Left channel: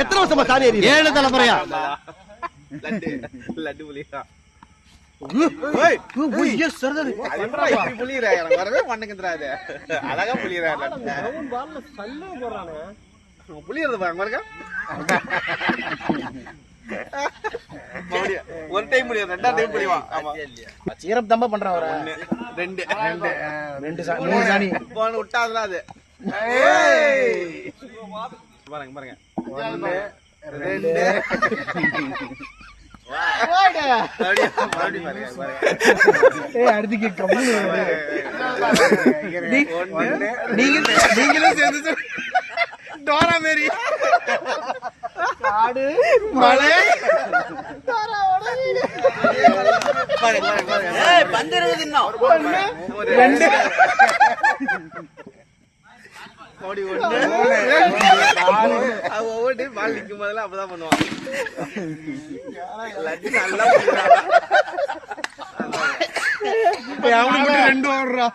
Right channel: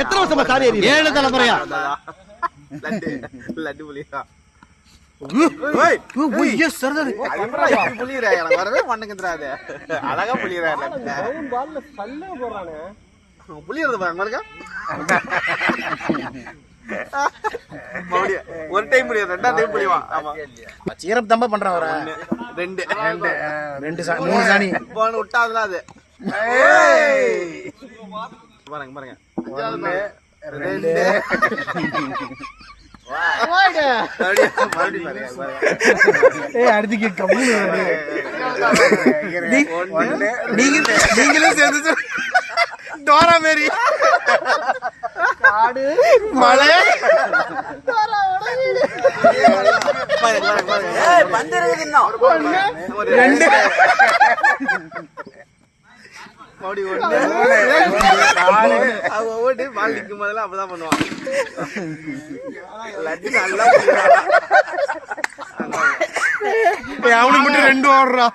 எத்தனை வருஷமா சாரி ஏறி 7 தலைமுறையா லட்டு புலியா வரவே மண்ணுக்குறாது அழகா புலியறாரு புலியறது பாருங்க ஒரு டைம் புலியா 2ஆம் டைம் புலிவா சீரப் தம்ப பண்றான் ஒரு 2 3 சாணி போன விட்டாதுல அது பாருங்க பாருங்க 2 அடுத்து நீங்களும் சேர்ந்து டோரா மேரி காடு மலை பந்திருக்குது இன்னும் 2 ஒவ்வொரு பால் நிற்கும் போதெல்லாம் அப்பதான் பண்ணுவான் அவனுக்கு 2 ஓடுறான்